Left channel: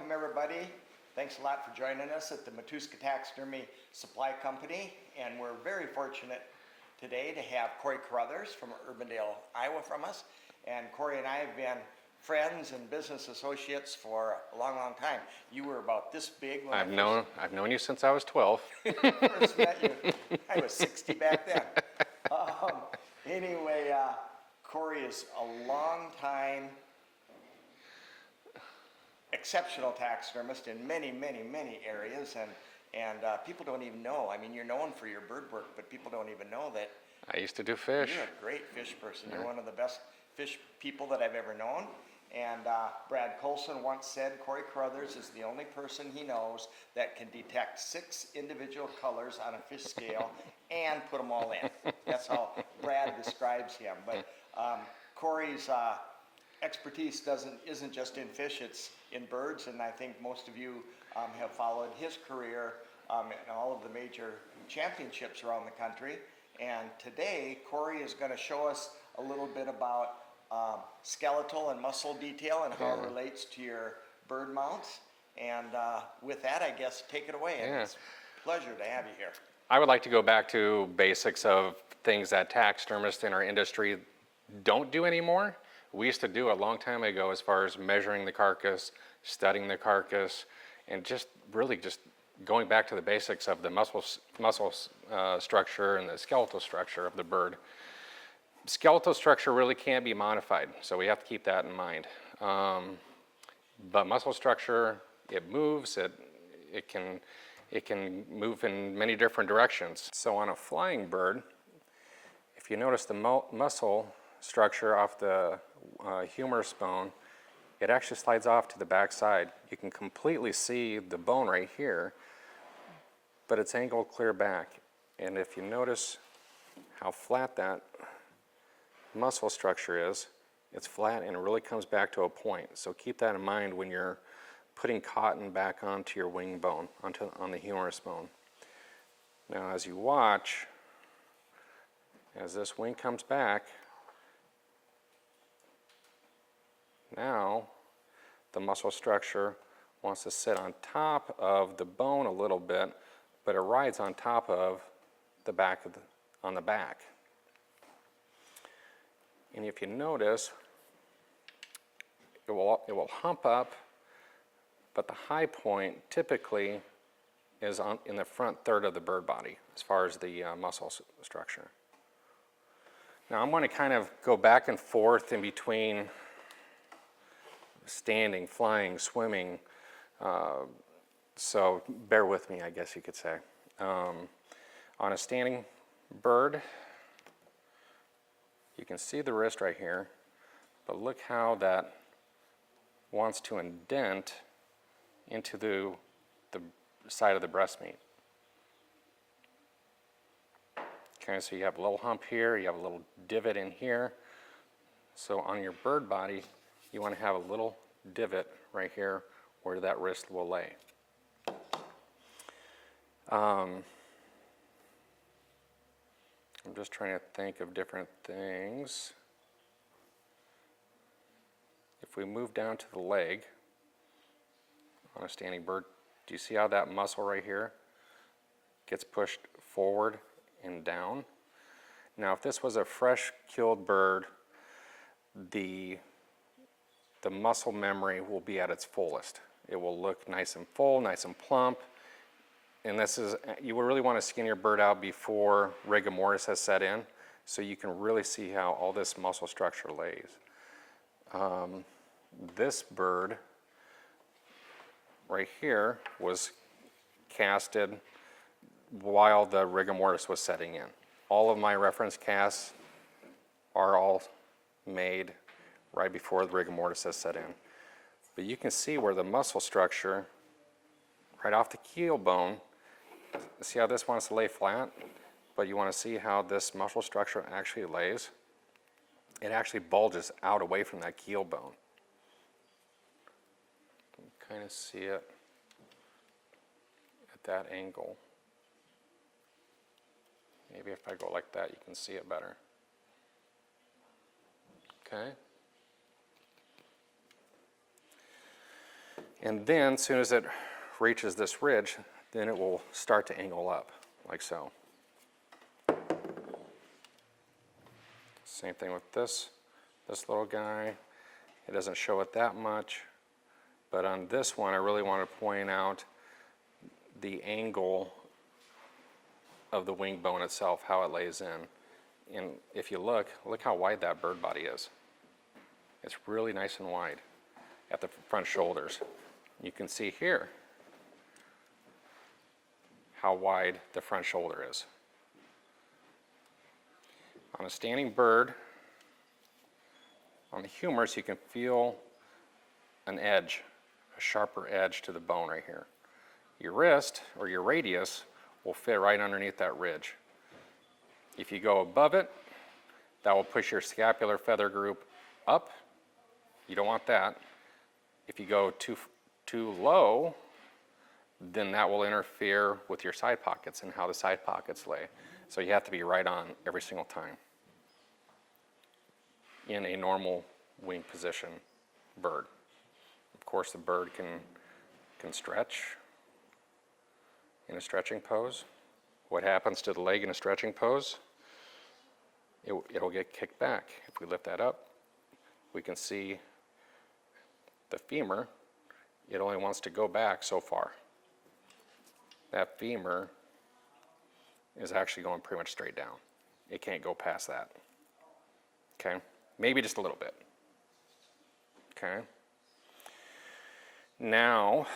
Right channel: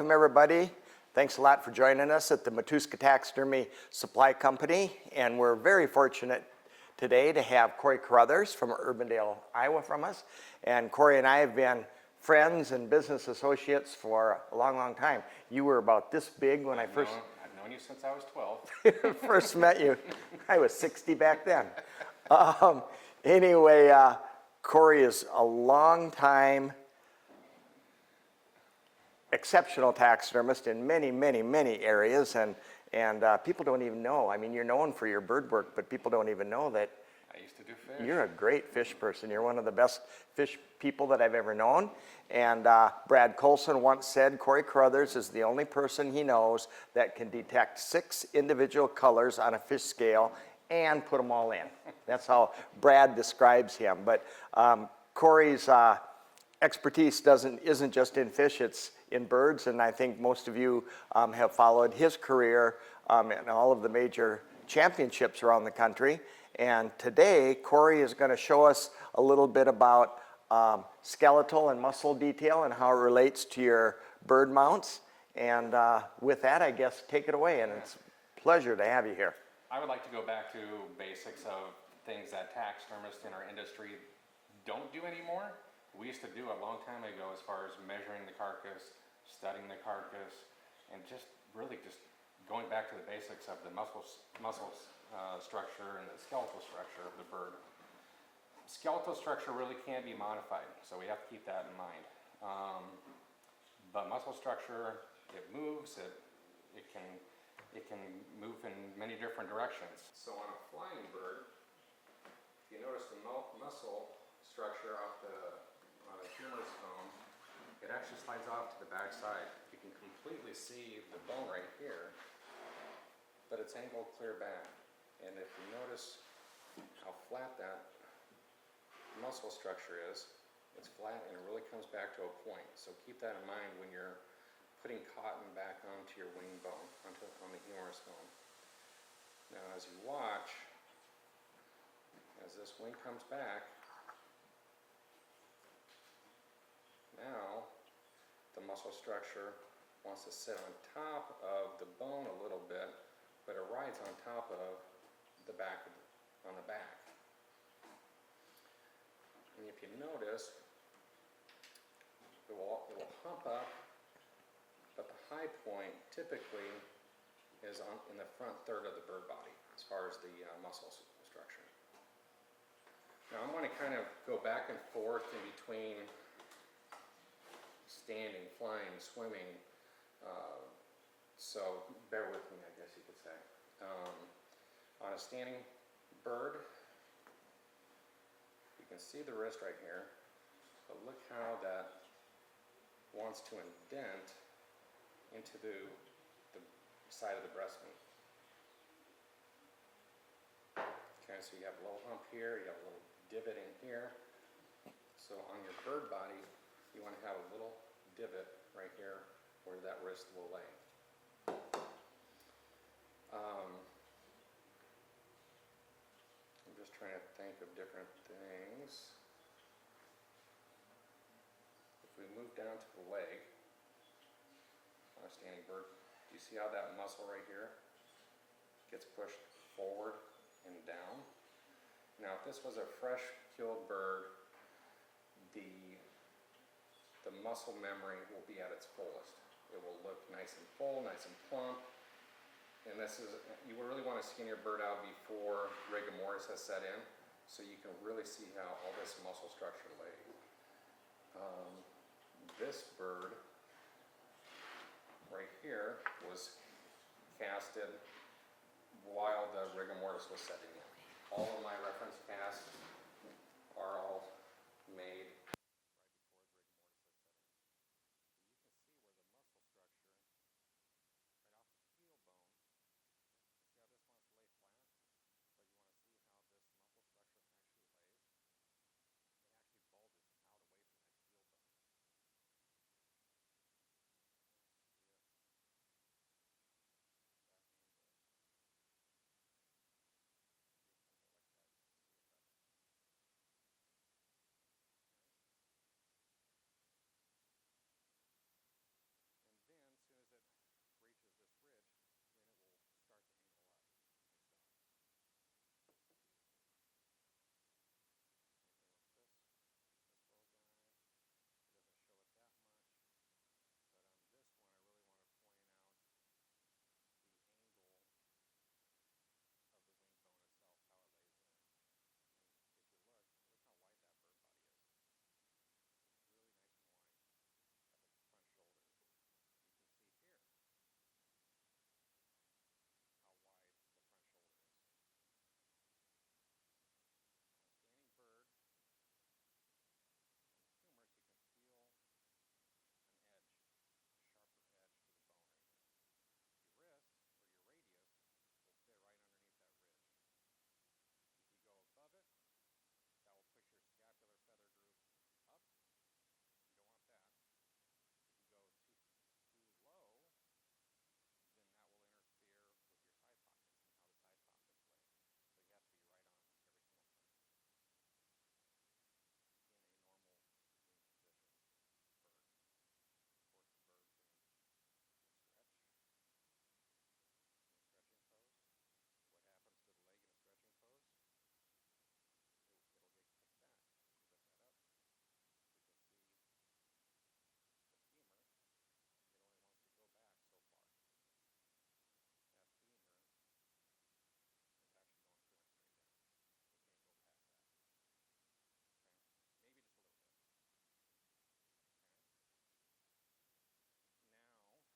welcome everybody. Thanks a lot for joining us at the Matuska Taxidermy Supply Company, and we're very fortunate today to have Cory Caruthers from 𝗪𝗟𝗪𝗪, Iowa from us. And Cory and I have been friends and business associates for a long, long time. You were about this big when I've known you since I was 12. first met you. I was 60 back then. Anyway, Cory is a long time exceptional taxidermist in many, many, many areas, and people don't even know. I mean, you're known for your bird work, but people don't even know that I used to do fish. you're a great fish person. You're one of the best fish people that I've ever known. And Brad Colson once said Cory Caruthers is the only person he knows that can detect 6 individual colors on a fish scale and put them all in. That's how Brad describes him. But Cory's expertise isn't just in fish, it's in birds, and I think most of you have followed his career in all of the major championships around the country. And today, Cory is going to show us a little bit about skeletal and muscle detail and how it relates to your bird mounts. And with that, I guess, take it away. And it's a pleasure to have you here. I would like to go back to basics of things that taxidermists in our industry don't do anymore. We used to do a long time ago as far as measuring the carcass, studying the carcass, and just really just going back to the basics of the muscle structure and the skeletal structure of the bird. Skeletal structure really can't be modified, so we have to keep that in mind. But muscle structure, it moves, it can move in many different directions. So on a flying bird, if you notice the muscle structure off the humerus bone, it actually slides off to the back side. You can completely see the bone right here, but it's angled clear back. And if you notice how flat that muscle structure is, it's flat and it really comes back to a point. So keep that in mind when you're putting cotton back onto your wing bone, on the humerus bone. Now as you watch, as this wing comes back, now the muscle structure wants to sit on top of the bone a little bit, but it rides on top of the back of on the back. And if you notice, it will hump up, but the high point typically is in the front third of the bird body as far as the muscle structure. Now I'm going to kind of go back and forth in between standing, flying, swimming, so bear with me, I guess you could say. On a standing bird, you can see the wrist right here, but look how that wants to indent into the side of the breast meat. Okay, so you have a little hump here, you have a little divot in here. So on your bird body, you want to have a little divot right here where that wrist will lay. I'm just trying to think of different things. If we move down to the leg on a standing bird, do you see how that muscle right here gets pushed forward and down? Now if this was a fresh killed bird, the muscle memory will be at its fullest. It will look nice and full, nice and plump. And this is, you will really want to skin your bird out before rigor mortis has set in, so you can really see how all this muscle structure lays. This bird right here was casted while the rigor mortis was setting in. All of my reference casts are all made right before the rigor mortis has set in. But you can see where the muscle structure, right off the keel bone, see how this wants to lay flat, but you want to see how this muscle structure actually lays. It actually bulges out away from that keel bone. You can kind of see it at that angle. Maybe if I go like that, you can see it better. Okay. And then as soon as it reaches this ridge, then it will start to angle up, like so. Same thing with this little guy. It doesn't show it that much, but on this one I really want to point out the angle of the wing bone itself, how it lays in. And if you look how wide that bird body is. It's really nice and wide at the front shoulders. You can see here how wide the front shoulder is. On a standing bird, on the humerus, you can feel an edge, a sharper edge to the bone right here. Your wrist, or your radius, will fit right underneath that ridge. If you go above it, that will push your scapular feather group up. You don't want that. If you go too low, then that will interfere with your side pockets and how the side pockets lay. So you have to be right on every single time in a normal wing position bird. Of course, the bird can stretch in a stretching pose. What happens to the leg in a stretching pose? It'll get kicked back. If we lift that up, we can see the femur. It only wants to go back so far. That femur is actually going pretty much straight down. It can't go past that. Okay? Maybe just a little bit. Okay? Now,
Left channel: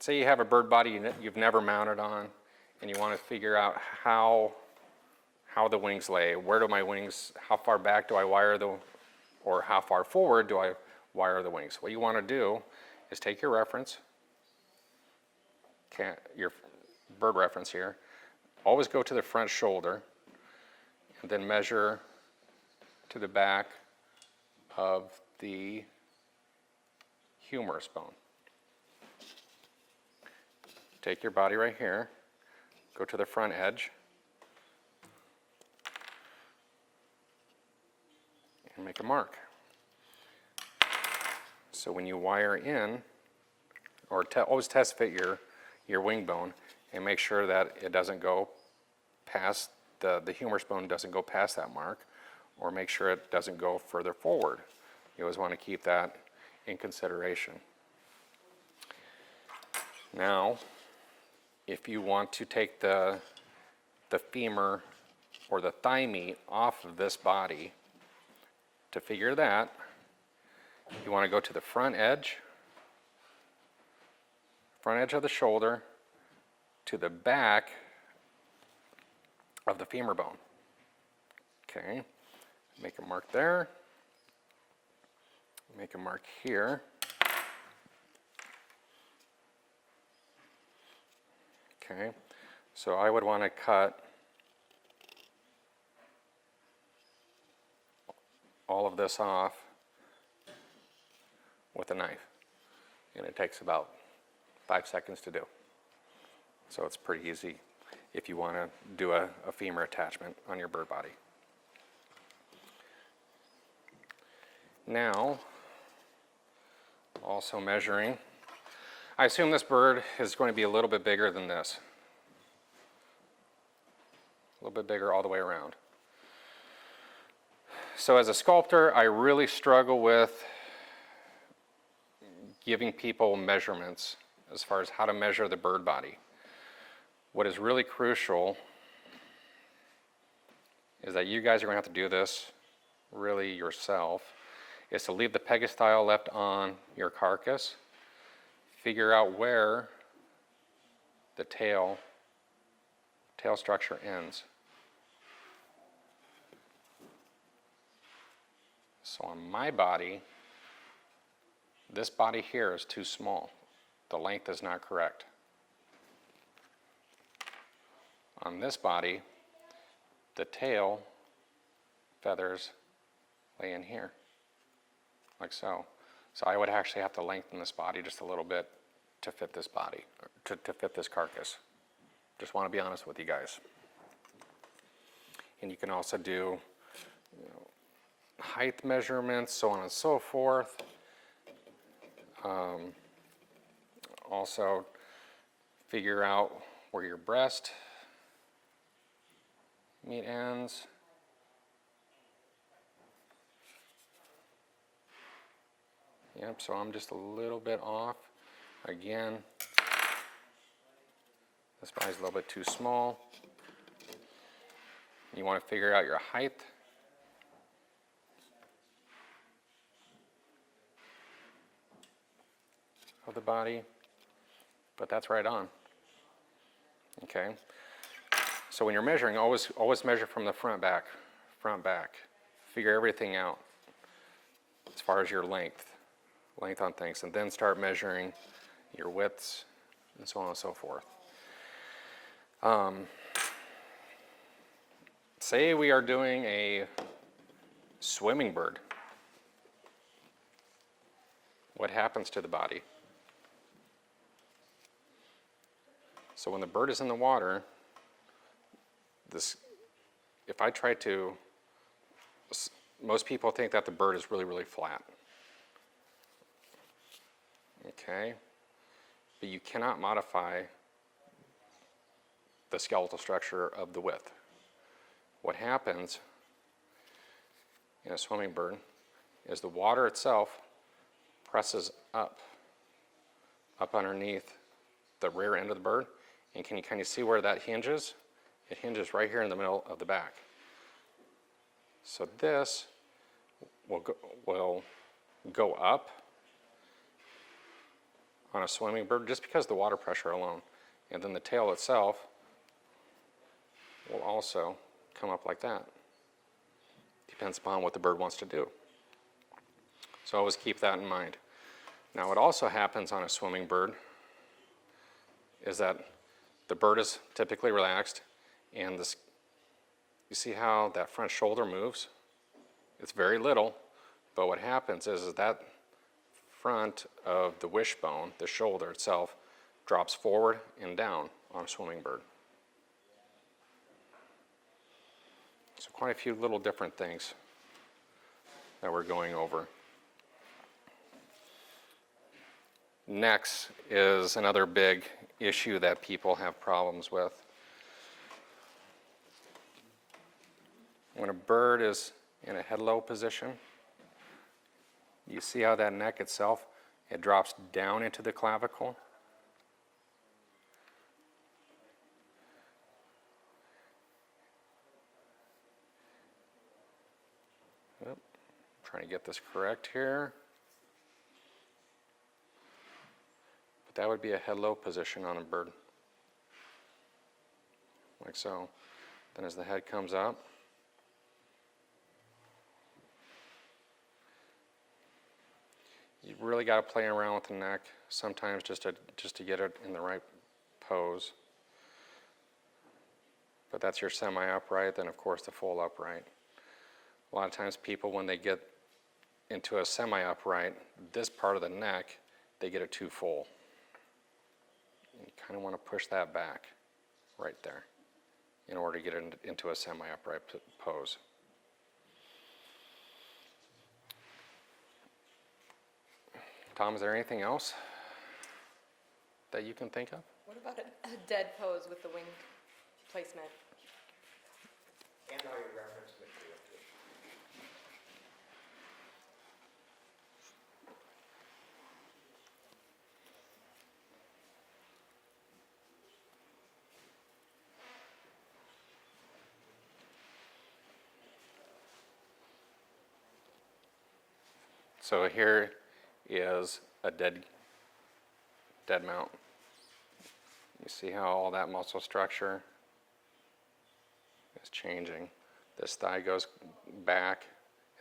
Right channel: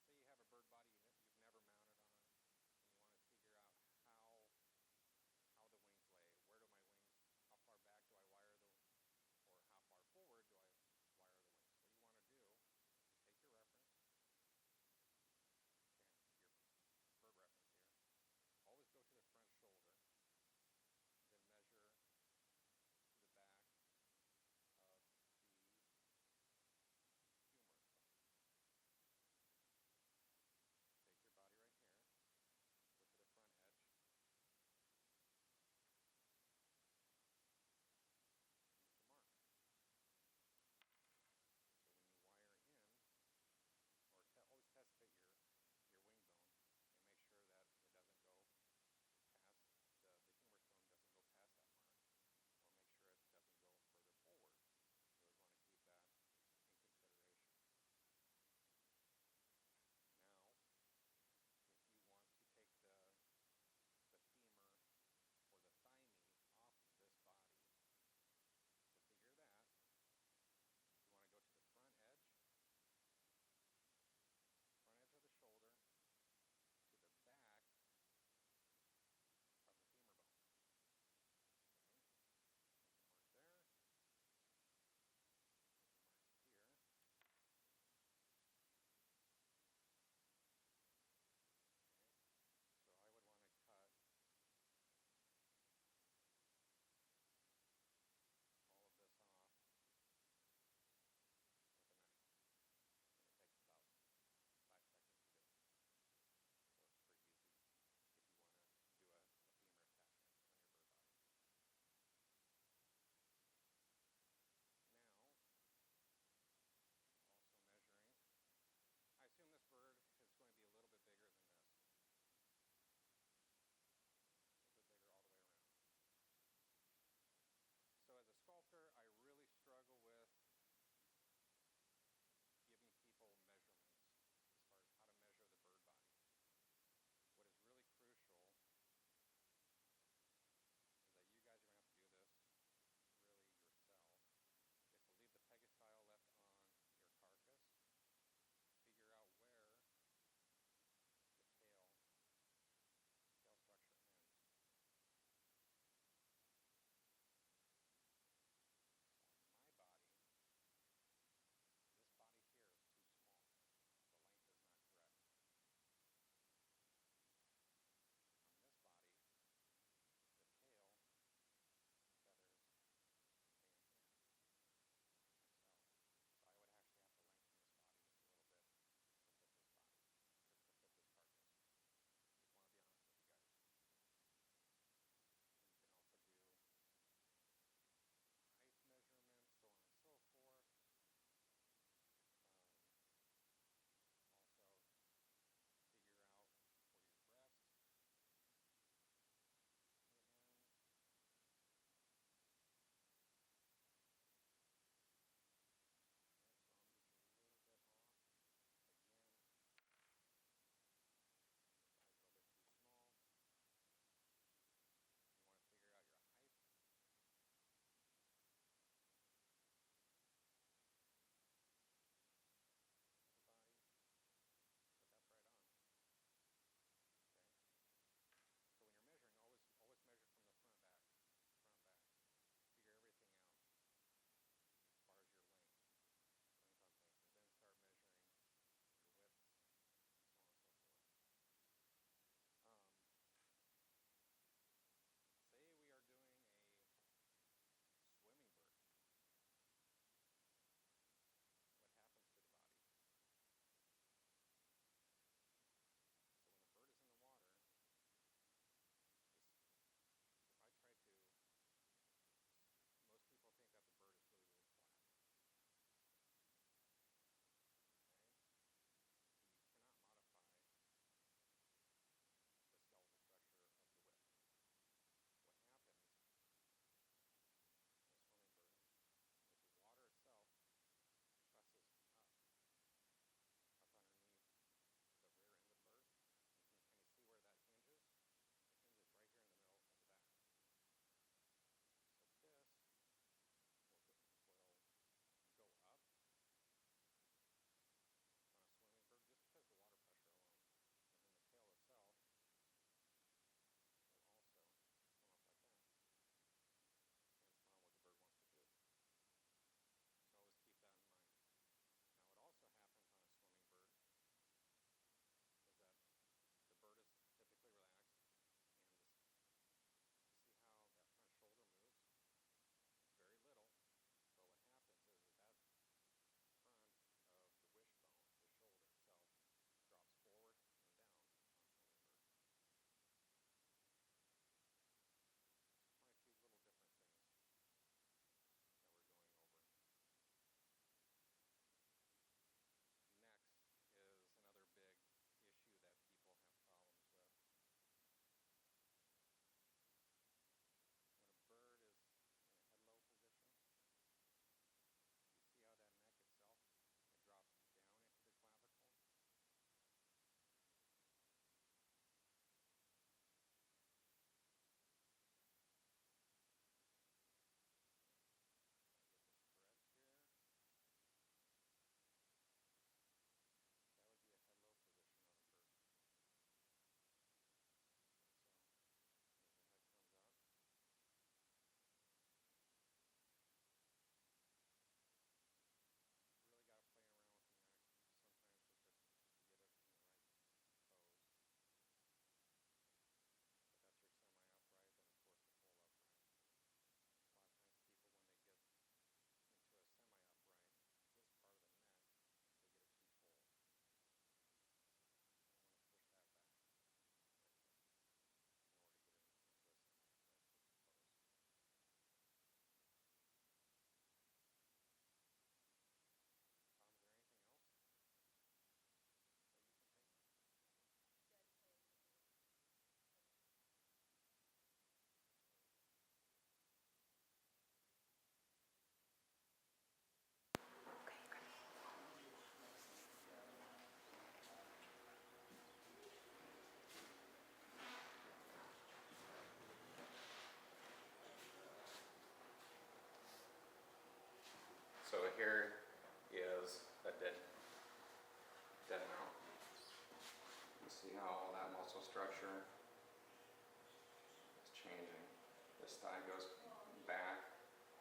say you have a bird body you've never mounted on, and you want to figure out how the wings lay. Where do my wings, how far back do I wire or how far forward do I wire the wings? What you want to do is take your reference, your bird reference here, always go to the front shoulder, and then measure to the back of the humerus bone. Take your body right here, go to the front edge, and make a mark. So when you wire in, or always test fit your wing bone and make sure that it doesn't go past, the humerus bone doesn't go past that mark, or make sure it doesn't go further forward. You always want to keep that in consideration. Now, if you want to take the femur or the thigh meat off of this body, to figure that, you want to go to the front edge of the shoulder to the back of the femur bone. Okay, make a mark there, make a mark here. Okay, so I would want to cut all of this off with a knife, and it takes about 5 seconds to do. So it's pretty easy if you want to do a femur attachment on your bird body. Now, also measuring, I assume this bird is going to be a little bit bigger than this. A little bit bigger all the way around. So as a sculptor, I really struggle with giving people measurements as far as how to measure the bird body. What is really crucial is that you guys are going to have to do this really yourself, is to leave the pegastyle left on your carcass, figure out where the tail structure ends. So on my body, this body here is too small. The length is not correct. On this body, the tail feathers lay in here, like so. So I would actually have to lengthen this body just a little bit to fit this body, to fit this carcass. Just want to be honest with you guys. And you can also do height measurements, so on and so forth. Also figure out where your breast meat ends. Yep, so I'm just a little bit off. Again, this body's a little bit too small. You want to figure out your height. Of the body, but that's right on. Okay, so when you're measuring, always measure from the front back. Figure everything out as far as your length on things, and then start measuring your widths and so on and so forth. Say we are doing a swimming bird. What happens to the body? So when the bird is in the water, if I try to, most people think that the bird is really, really flat. Okay? But you cannot modify the skeletal structure of the width. What happens in a swimming bird is the water itself presses up underneath the rear end of the bird. And can you kind of see where that hinges? It hinges right here in the middle of the back. So this will go up on a swimming bird just because of the water pressure alone. And then the tail itself will also come up like that. Depends upon what the bird wants to do. So always keep that in mind. Now what also happens on a swimming bird is that the bird is typically relaxed, and you see how that front shoulder moves? It's very little, but what happens is that front of the wishbone, the shoulder itself, drops forward and down on a swimming bird. So quite a few little different things that we're going over. Next is another big issue that people have problems with. When a bird is in a head low position, you see how that neck itself, it drops down into the clavicle. Oop, trying to get this correct here. But that would be a head low position on a bird. Like so. Then as the head comes up, you really got to play around with the neck sometimes just to get it in the right pose. But that's your semi-upright, then of course the full upright. A lot of times people, when they get into a semi-upright, this part of the neck, they get it too full. You kind of want to push that back right there in order to get it into a semi-upright pose. Tom, is there anything else that you can think of? What about a dead pose with the wing placement? And all your reference material too. So here is a dead mount. You see how all that muscle structure is changing. This thigh goes back.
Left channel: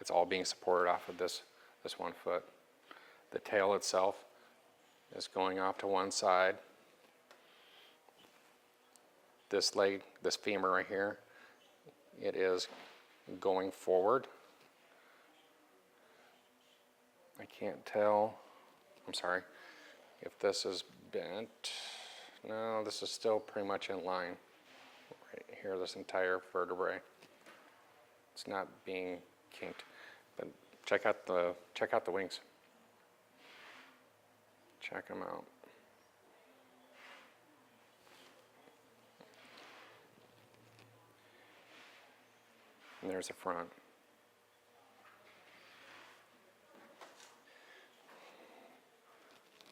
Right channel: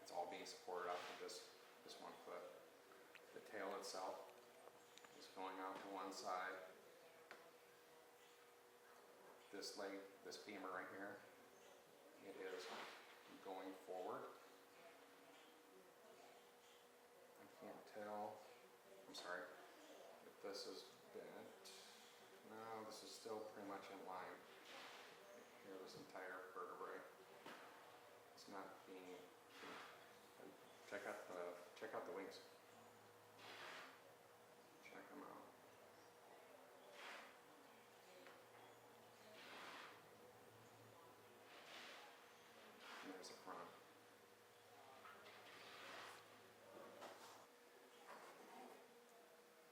It's all being supported off of this 1 foot. The tail itself is going off to one side. This leg, this femur right here, it is going forward. I can't tell, I'm sorry, if this is bent. No, this is still pretty much in line. Right here, this entire vertebrae. It's not being kinked. But check out the wings. Check them out. there's the front.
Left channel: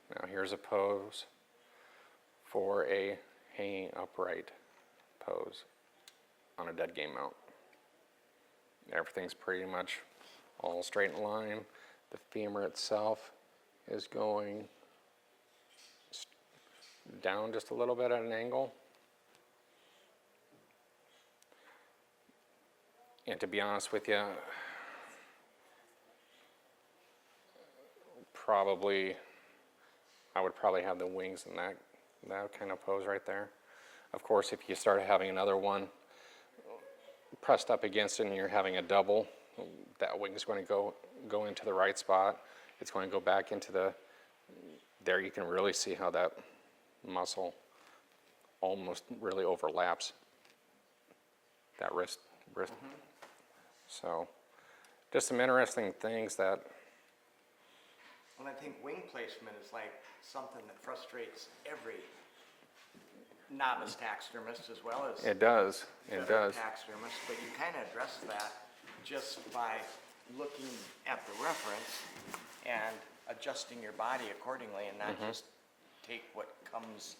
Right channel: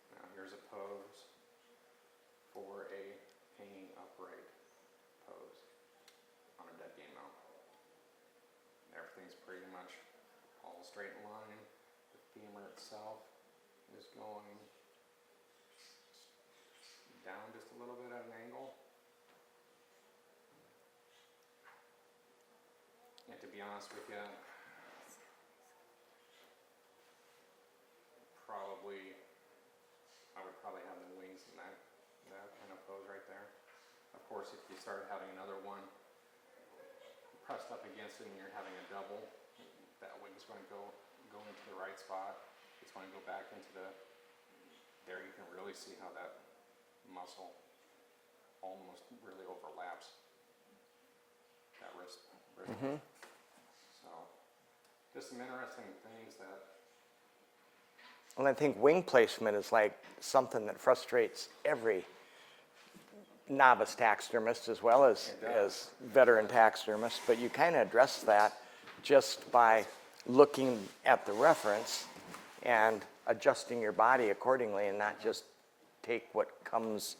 Now here's a pose for a hanging upright pose on a dead game mount. Everything's pretty much all straight in line. The femur itself is going down just a little bit at an angle. And to be honest with you, I would probably have the wings in that kind of pose right there. Of course, if you start having another one pressed up against it and you're having a double, that wing is going to go into the right spot. It's going to go back into there you can really see how that muscle almost really overlaps that wrist. Mm-hmm. So just some interesting things that. And I think wing placement is like something that frustrates every novice taxidermist as well as, it does. Veteran taxidermist, but you kind of address that just by looking at the reference and adjusting your body accordingly and not just take what comes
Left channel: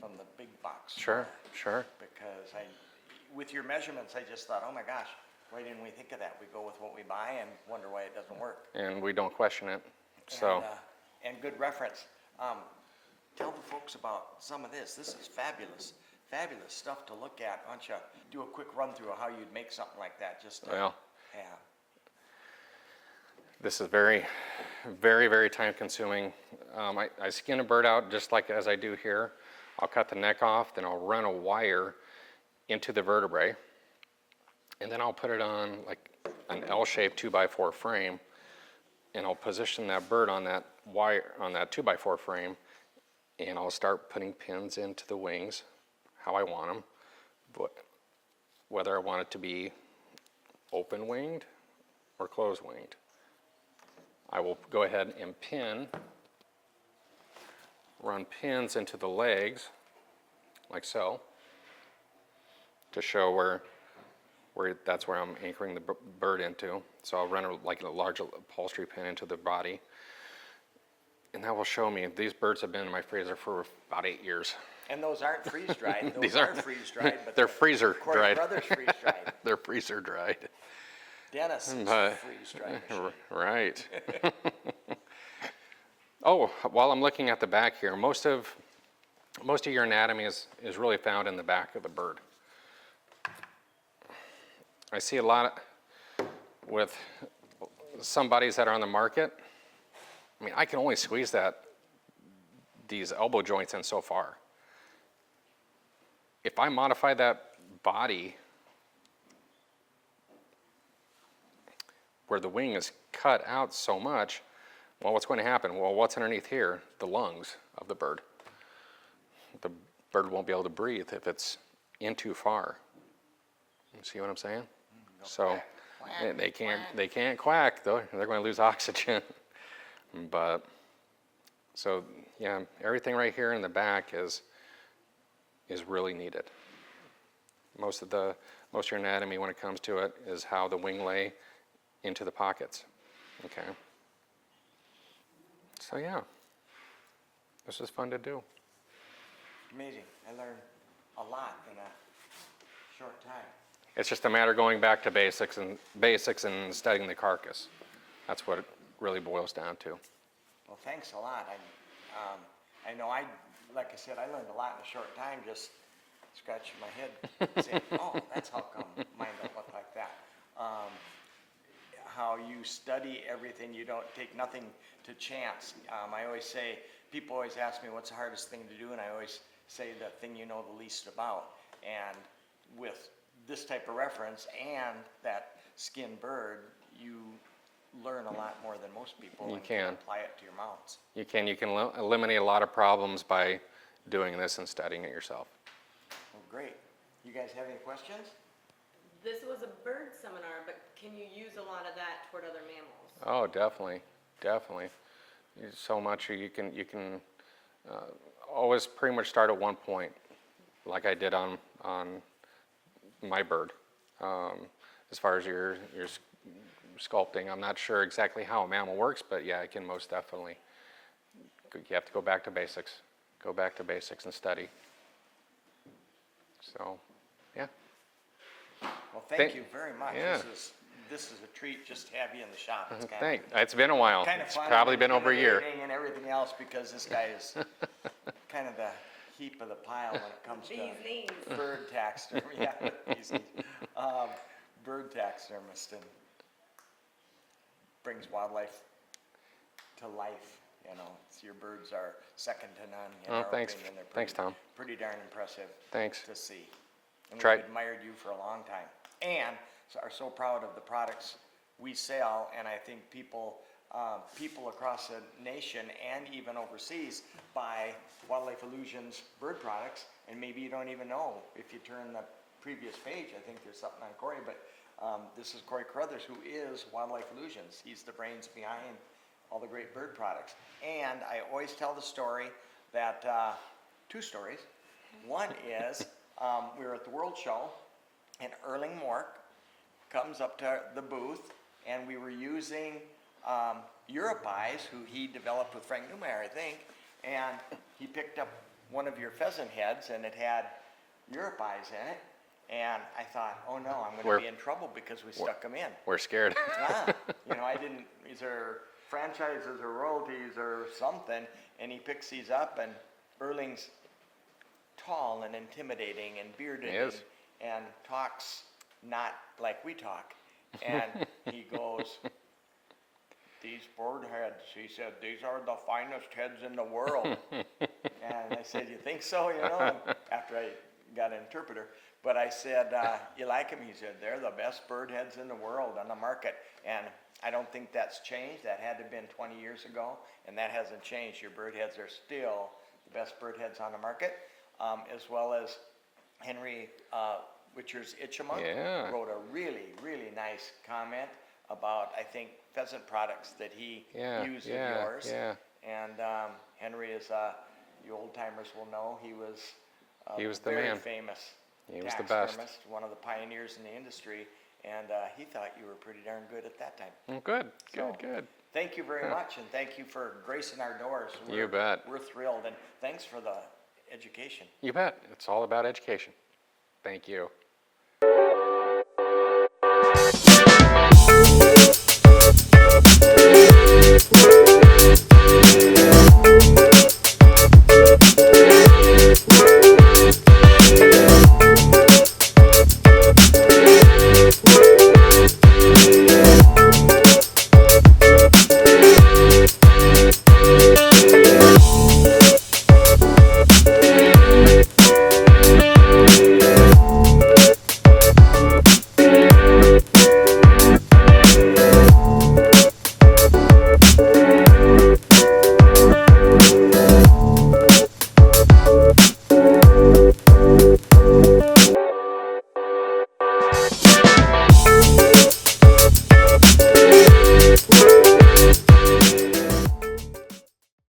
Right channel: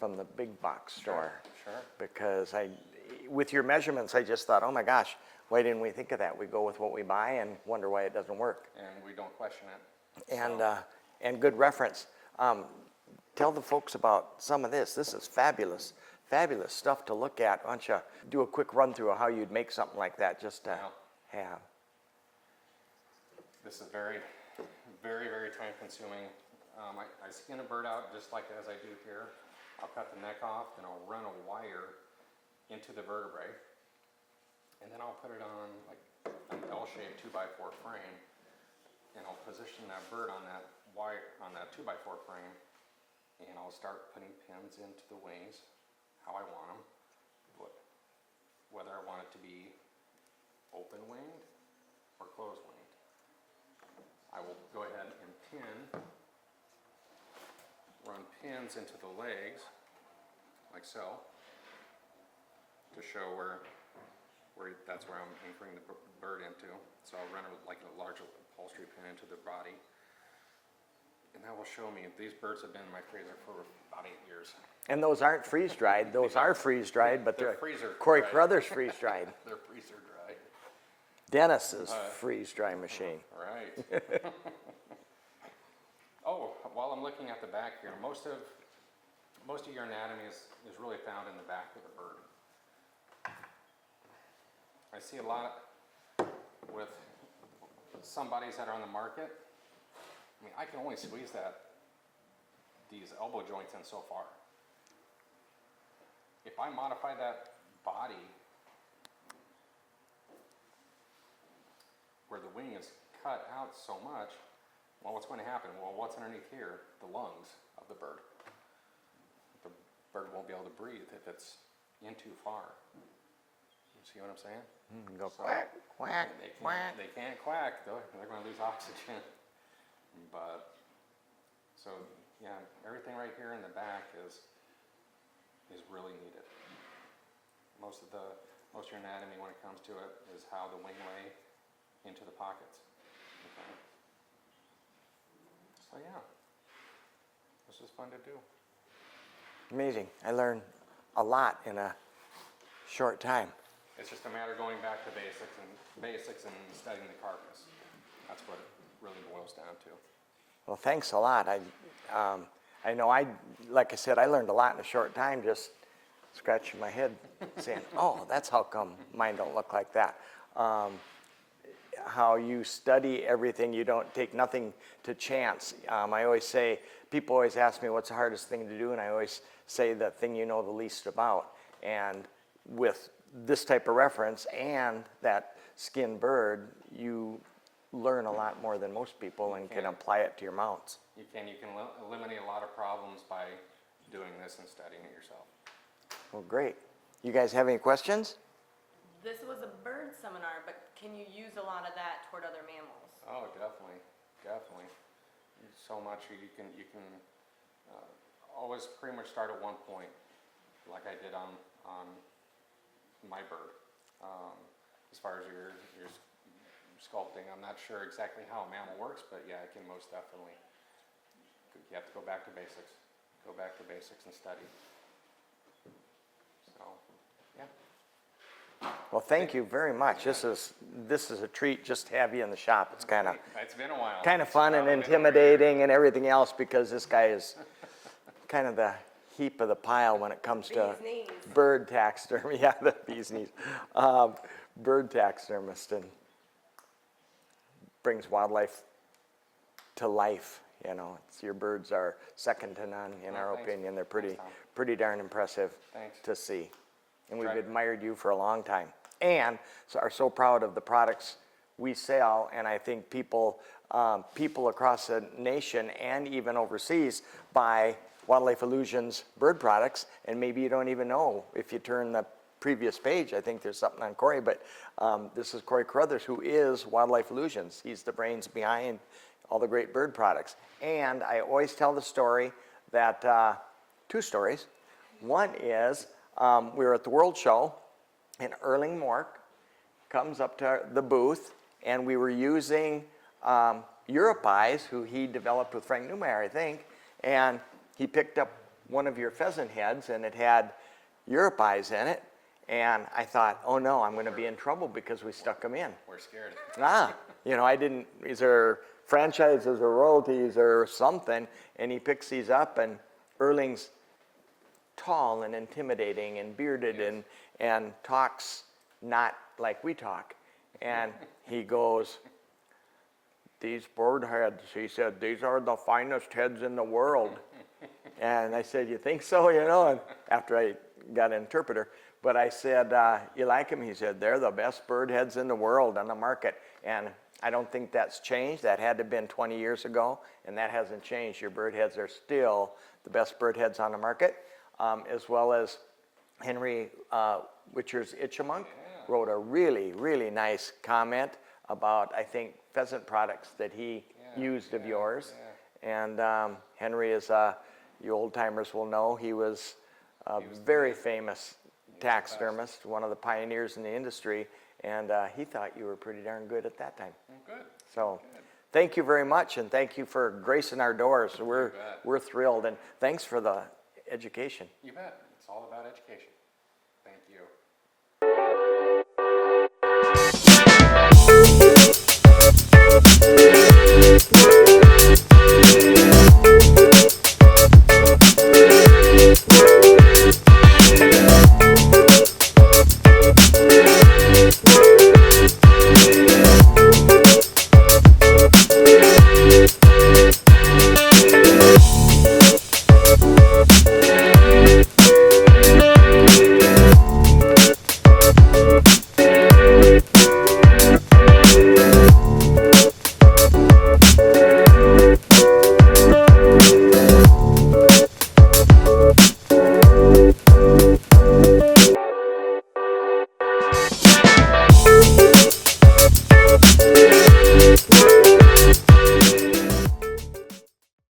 from the big box store. Sure. Because with your measurements, I just thought, oh my gosh, why didn't we think of that? We go with what we buy and wonder why it doesn't work. And we don't question it. So. And good reference. Tell the folks about some of this. This is fabulous stuff to look at. Why don't you do a quick run through of how you'd make something like that just to have. This is very, very, very time consuming. I skin a bird out just like as I do here. I'll cut the neck off, then I'll run a wire into the vertebrae, and then I'll put it on like an L-shaped 2x4 frame, and I'll position that bird on that wire, on that 2x4 frame, and I'll start putting pins into the wings how I want them, but whether I want it to be open winged or closed winged. I will go ahead and run pins into the legs like so to show where that's where I'm anchoring the bird into. So I'll run like a large upholstery pin into the body, and that will show me these birds have been in my freezer for about 8 years. And those aren't freeze dried. Those are freeze dried, but they're freezer Cory dried. Caruthers freeze dried. They're freezer dried. Dennis's freeze dry machine. Right. Oh, while I'm looking at the back here, most of your anatomy is really found in the back of the bird. I see a lot with some bodies that are on the market. I mean, I can only squeeze these elbow joints in so far. If I modify that body where the wing is cut out so much, well, what's going to happen? Well, what's underneath here? The lungs of the bird. The bird won't be able to breathe if it's in too far. You see what I'm saying? So quack, quack, they can't quack though. They're going to lose oxygen. But so yeah, everything right here in the back is really needed. Most of your anatomy when it comes to it is how the wing lay into the pockets. Okay. So yeah, this is fun to do. Amazing. I learned a lot in a short time. It's just a matter of going back to basics and studying the carcass. That's what it really boils down to. Well, thanks a lot. I know like I said, I learned a lot in a short time, just scratching my head saying, oh, that's how come mine don't look like that. How you study everything, you don't take nothing to chance. I always say, people always ask me what's the hardest thing to do, and I always say the thing you know the least about. And with this type of reference and that skinned bird, you learn a lot more than most people and can apply it to your mounts. You can eliminate a lot of problems by doing this and studying it yourself. Well, great. You guys have any questions? This was a bird seminar, but can you use a lot of that toward other mammals? Oh, definitely. There's so much you can always pretty much start at one point, like I did on my bird. as far as your sculpting. I'm not sure exactly how a mammal works, but yeah, it can most definitely. You have to go back to basics. Go back to basics and study. So, yeah. Well, thank you very much. Yeah. This is a treat just to have you in the shop. It's kind of It's been a while. kind of It's fun probably and been over a year. intimidating and everything else because this guy is kind of the heap of the pile when it comes to Bee's knees. bird taxidermy. Yeah, the bee's knees. Bird taxidermist and brings wildlife to life. You know, your birds are second to none in our thanks. opinion. They're Thanks, Tom. pretty darn impressive Thanks. to see. And Try- we've admired you for a long time. And are so proud of the products we sell. And I think people across the nation and even overseas buy Wildlife Illusions bird products. And maybe you don't even know if you turn the previous page. I think there's something on Cory, but this is Cory Caruthers, who is Wildlife Illusions. He's the brains behind all the great bird products. And I always tell the story that, two stories. One is we were at the World Show and 𝗪𝗟𝗟𝗏 comes up to the booth and we were using 𝗪𝗟𝗏𝗏𝗧𝗏, who he developed with Frank Neumeyer, I think, and he picked up one of your pheasant heads and it had 𝗪𝗟𝗏𝗏𝗧𝗏 in it. And I thought, oh no, I'm going to be in trouble because we stuck them in. We're scared. You know, I didn't, is there franchises or royalties or something? And he picks these up and 𝗪𝗟𝗟𝗏𝗏's tall and intimidating and bearded Yes. and talks not like we talk. And he goes, these bird heads, he said, these are the finest heads in the world. And I said, you think so? You know, and after I got an interpreter. But I said, you like them? He said, they're the best bird heads in the world on the market. And I don't think that's changed. That had to have been 20 years ago, and that hasn't changed. Your bird heads are still the best bird heads on the market, as well as 𝗕𝗜𝗥𝗗𝗜𝗔𝗥 Yeah. wrote a really, really nice comment about, I think, pheasant products that he used of yours. Yeah. And Henry is, you old timers will know, he was a He was the very man. famous He was the best. taxidermist, one of the pioneers in the industry, and he thought you were pretty darn good at that time. Well, good. So, Good. thank you very much, and thank you for gracing our doors. You bet. We're thrilled, and thanks for the education. You bet. It's all about education. Thank you.